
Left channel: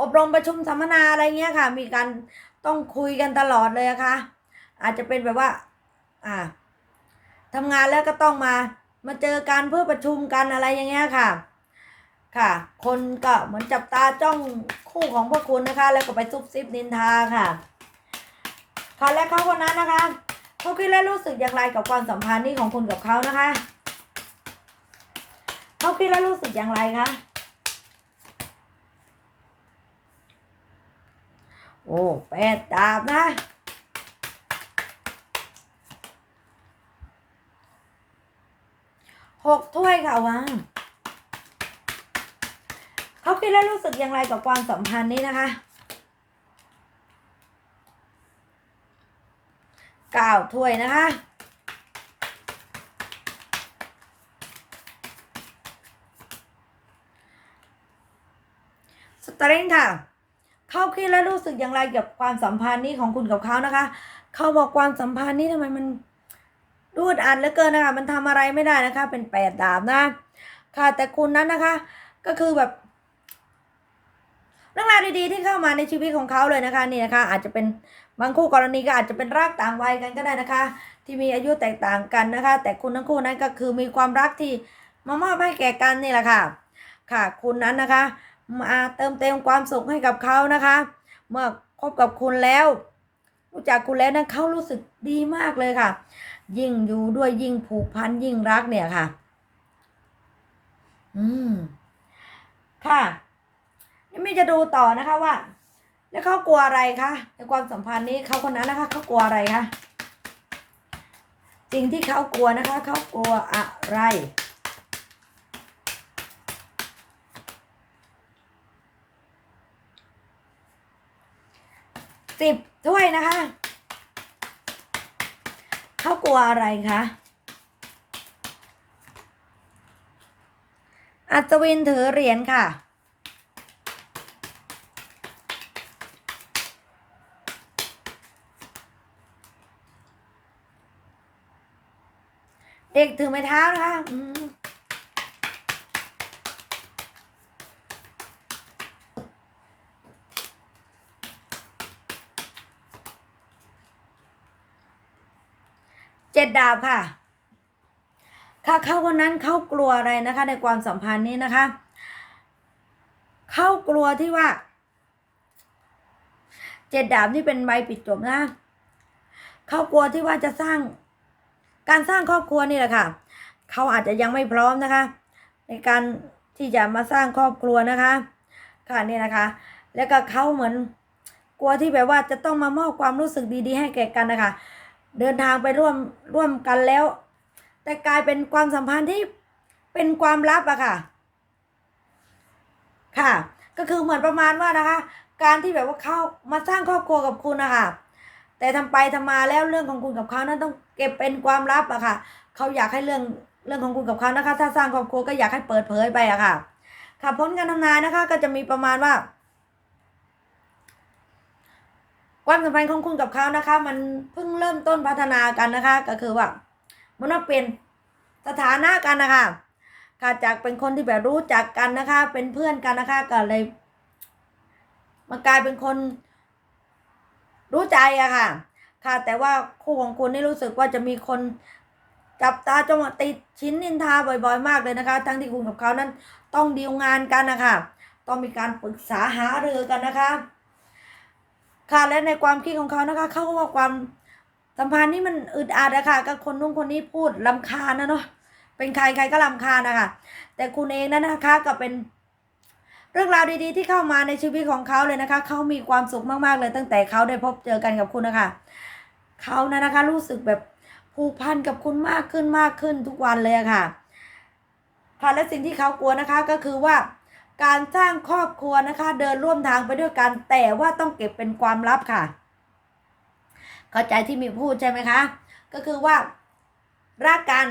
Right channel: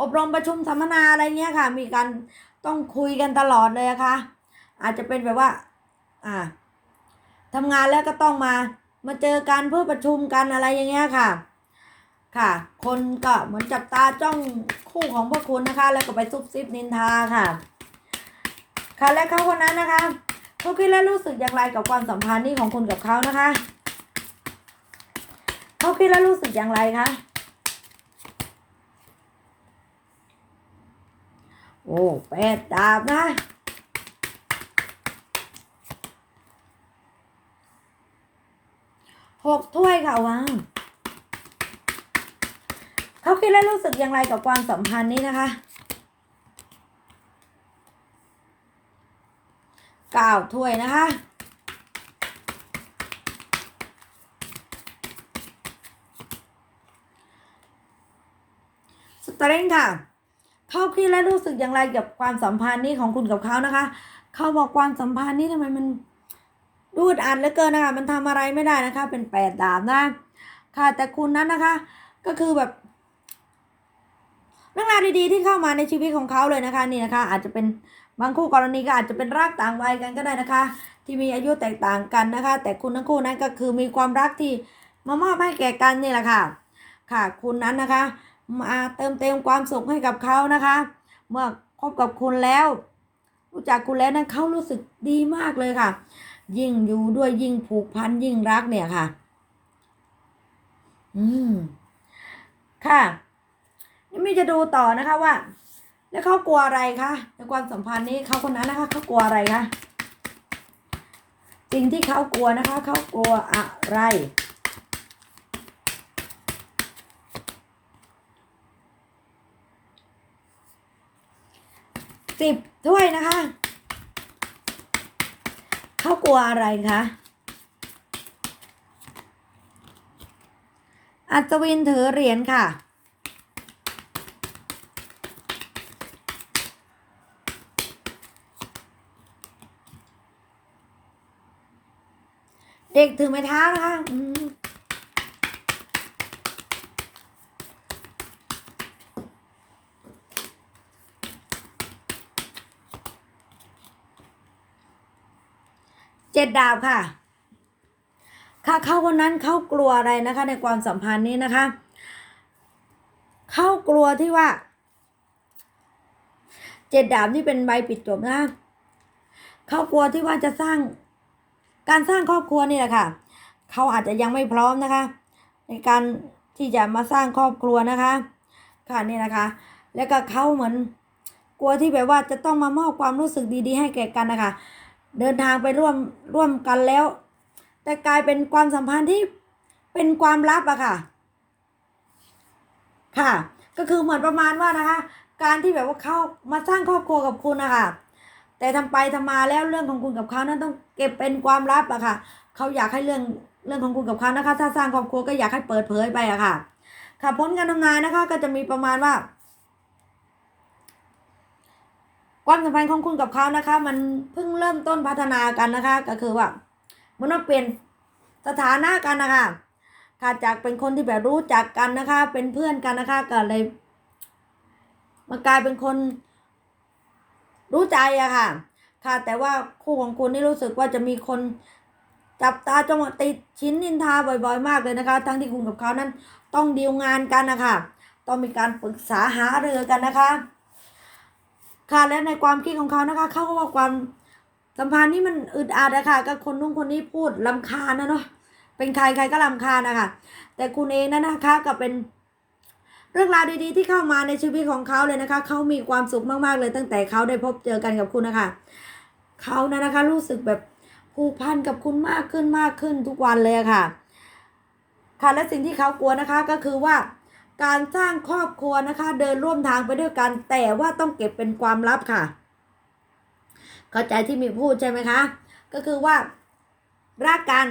อบรมประชุมสัมมนาอะไรเงี้ยค่ะ มีการต้องคุยกันตลอดเลยนะคะอาจจะเป็นแบบว่า อ่าทำงานแล้วก็ต้องมา มาเจอกันเพื่อประชุมกันอะไรอย่างเงี้ยค่ะ ค่ะ คนก็เหมือนจับตาจ้องคู่ของพวกคุณนะคะ แล้วก็ไปซุบซิบนินทาค่ะ ค่ะและเขาคนนั้นนะคะ เขาคิดและรู้สึกอย่างไรกับความสัมพันธ์นี้ของคุณกับเขานะคะเขาคิดและรู้สึกอย่างไรคะโอ้แปดดาบนะหกถ้วยค่ะวางเขาคิดและรู้สึกอย่างไรกับความสัมพันธ์นี้นะคะ ก้าถ้วยนะคะ สตริงค่ะ เขาคิดและรู้สึกอย่างไรกับความสัมพันธ์นี้ของคุณกับเขานะคะ เขาบอกความสัมพันธ์นี้ทำไมมันรูดอัดเหลือเกินนะคะ มันทำอะไรไม่ได้นะคะ เป็นแปดดาบนะ ค่ะ แต่คุณนั้นนะคะ ก็คือแบบเรื่องราวดีๆที่เข้ามาในชีวิตของเขาเลยนะคะนี่นะคะอาจจะเป็น บางคู่กรณีก็อาจจะเป็นรักต่างวัยกันก็ได้นะคะ ที่มีอายุแตกต่างกันนะคะ แต่คุณทั้งคู่นั้นก็คือมีความรักที่มามอบให้แก่กันนี่แหละค่ะ ค่ะ คุณนั้นนะคะมาเติมเต็มความสุขให้กับเขานะคะ เมื่อคบกับคุณแล้ว รู้จักคุณแล้วนั้นเขารู้สึกดีมากเลยค่ะ ยิ่งอยู่ด้วยยิ่งผูกพันยิ่งรักเนี่ยค่ะ อืม ค่ะนี่มีจะดูต่อนะคะว่า แล้วเขากลัวอะไรคะในความสัมพันธ์นี้เขาคนนั้นนะคะเขากลัวอะไรคะสิ่งที่เขากลัวนะคะเขากลัวอะไรสิบถ้วยนะคะ เขากลัวอะไรคะอัศวินถือเหรียญค่ะ เด็กถือไม้เท้านะคะเจ็ดดาวค่ะ ค่ะเขาคนนั้นเขากลัวอะไรนะคะ ในความสัมพันธ์นี้นะคะ เขากลัวที่ว่า เจ็ดดาวนี่เป็นใบปิดจบนะ เขากลัวที่ว่าจะสร้าง การสร้างครอบครัวนี่แหละค่ะ เขาอาจจะยังไม่พร้อมนะคะ ในการที่จะมาสร้างครอบครัวนะคะ ค่ะนี่นะคะ แล้วก็เขาเหมือนกลัวที่แบบว่าจะต้องมามอบความรู้สึกดีๆ ให้แก่กันนะคะ เดินทางไปร่วมร่วมกันแล้ว แต่กลายเป็นความสัมพันธ์ที่เป็นความลับอะค่ะ ค่ะ ก็คือเหมือนประมาณว่านะคะ การที่แบบว่าเขามาสร้างครอบครัวกับคุณนะคะแต่ทำไปทำมาแล้วเรื่องของคุณกับเขานั้นต้อง เก็บเป็นความลับอะค่ะเขาอยากให้เรื่องเรื่องของคุณกับเขานะคะ ถ้าสร้างครอบครัวก็อยากให้เปิดเผยไปอะค่ะ ค่ะผลการทำนายนะคะ ก็จะมีประมาณว่า ความสัมพันธ์ของคุณกับเขานะคะ มันเพิ่งเริ่มต้นพัฒนากันนะคะ ก็คือว่ามันมาเปลี่ยนสถานะกันนะคะค่ะจากเป็นคนที่แบบรู้จักกันนะคะ เป็นเพื่อนกันนะคะก็เลยมากลายเป็นคนรู้ใจอะค่ะ ค่ะ แต่ว่าคู่ของคุณนี่รู้สึกว่าจะมีคนจับตาจ้องติดชิ้นนินทาบ่อยๆ มากเลยนะคะ ทั้งที่คุณกับเขานั้นต้องดีลงานกันนะคะต้องมีการปรึกษาหารือกันนะคะ ค่ะและในความคิดของเขานะคะ เขาก็ว่าความสัมพันธ์นี่มันอึดอัดอะค่ะก็คนนู้นคนนี้พูดลำคาญนะเนาะเป็นใครใครก็ลำคาญนะคะแต่คุณเองนั้นนะคะก็เป็นเรื่องราวดีๆที่เข้ามาในชีวิตของเขาเลยนะคะ เขามีความสุขมากๆเลยตั้งแต่เขาได้พบเจอกันกับคุณนะคะ เขานะนะคะ รู้สึกแบบผูกพันกับคุณมากขึ้นมากขึ้นทุกวันเลยค่ะ ค่ะและสิ่งที่เขากลัวนะคะก็คือว่า การสร้างครอบครัวนะคะ เดินร่วมทางไปด้วยกันแต่ว่าต้องเก็บเป็นความลับค่ะ เข้าใจที่มีพูดใช่ไหมคะ ก็คือว่ารักกัน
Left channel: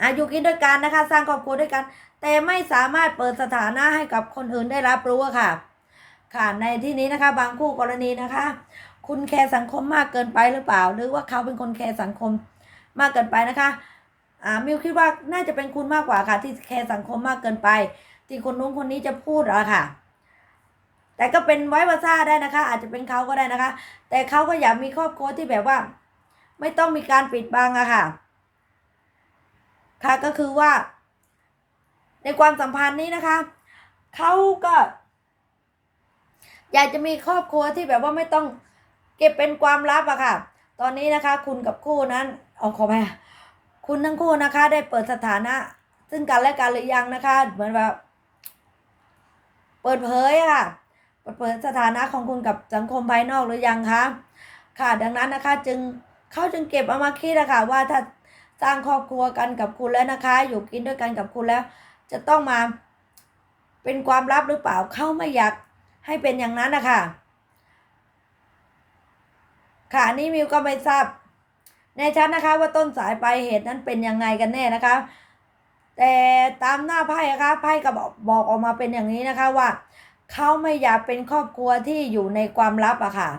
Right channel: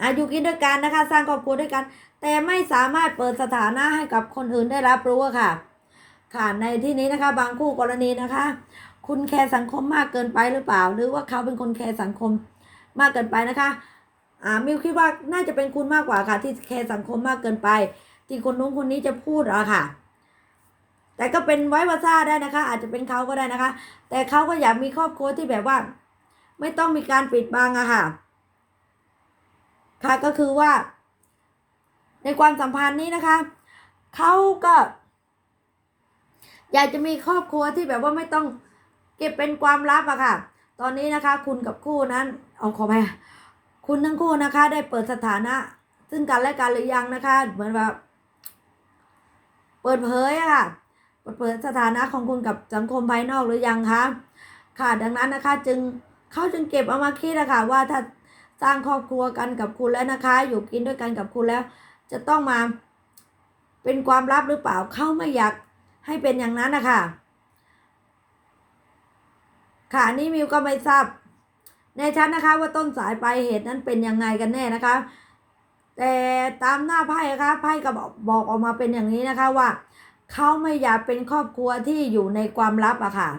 อายู่กินด้วยกันนะคะ สร้างครอบครัวด้วยกัน แต่ไม่สามารถเปิดสถานะให้กับคนอื่นได้รับรู้ค่ะ ค่ะในที่นี้นะคะ บางคู่กรณีนะคะ คุณแคร์สังคมมากเกินไปหรือเปล่า หรือว่าเขาเป็นคนแคร์สังคมมากเกินไปนะคะ อ่ามิวคิดว่าน่าจะเป็นคุณมากกว่าค่ะ ที่แคร์สังคมมากเกินไป ที่คนนู้นคนนี้จะพูดหรอค่ะ แต่ก็เป็นไว้วาซ่าได้นะคะ อาจจะเป็นเขาก็ได้นะคะ แต่เขาก็อยากมีครอบครัวที่แบบว่า ไม่ต้องมีการปิดบังอะค่ะ ค่ะก็คือว่า ในความสัมพันธ์นี้นะคะเขาก็ อยากจะมีครอบครัวที่แบบว่าไม่ต้อง เก็บเป็นความลับอะค่ะ ตอนนี้นะคะคุณกับคู่นั้นเอาขอไปค่ะคุณทั้งคู่นะคะได้เปิดสถานะ ซึ่งกันและกันหรือยังนะคะ เหมือนแบบเปิดเผยอะค่ะเปิดเผยสถานะของคุณกับสังคมภายนอกหรือยังคะค่ะดังนั้นนะคะจึงเขาจึงเก็บเอามาคิดนะคะว่าถ้าสร้างครอบครัวกันกับคุณแล้วนะคะ อยู่กินด้วยกันกับคุณแล้ว จะต้องมาเป็นความลับหรือเปล่าเขาไม่อยากให้เป็นอย่างนั้นนะคะ ค่ะอันนี้มิวก็ไม่ทราบแน่ชัดนะคะ ว่าต้นสายปลายเหตุนั้นเป็นยังไงกันแน่นะคะ แต่ตามหน้าไพ่นะคะไพ่ก็บอกบอกออกมาเป็นอย่างนี้นะคะว่าเขาไม่อยากเป็นครอบครัวที่อยู่ในความลับอะค่ะ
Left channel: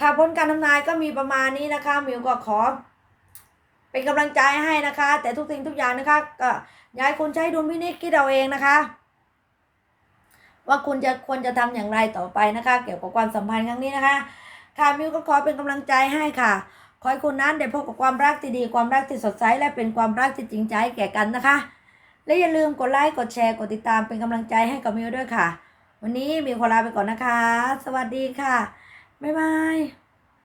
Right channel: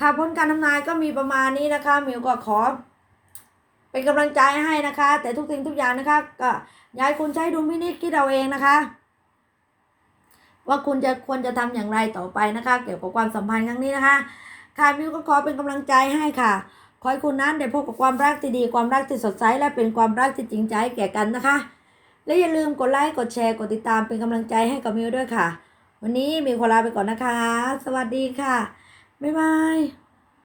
ค่ะผลการทำนายก็มีประมาณนี้นะคะมิวก็ขอ เป็นกำลังใจให้นะคะ แต่ทุกสิ่งทุกอย่างนะคะก็อยากให้คุณใช้ดุลพินิจคิดเอาเองนะคะ ว่าคุณจะควรจะทำอย่างไรต่อไปนะคะ เกี่ยวกับความสัมพันธ์ครั้งนี้นะคะ ค่ะมิวก็ขอเป็นกำลังใจให้ค่ะ ขอให้คุณนั้นได้พบกับความรักที่ดีความรักที่สดใสและเป็นความรักที่จริงใจแก่กันนะคะ และอย่าลืมกดไลค์กดแชร์กดติดตามเป็นกำลังใจให้กับมิวด้วยค่ะ วันนี้มิวขอลาไปก่อนนะคะ สวัสดีค่ะบ๊ายบาย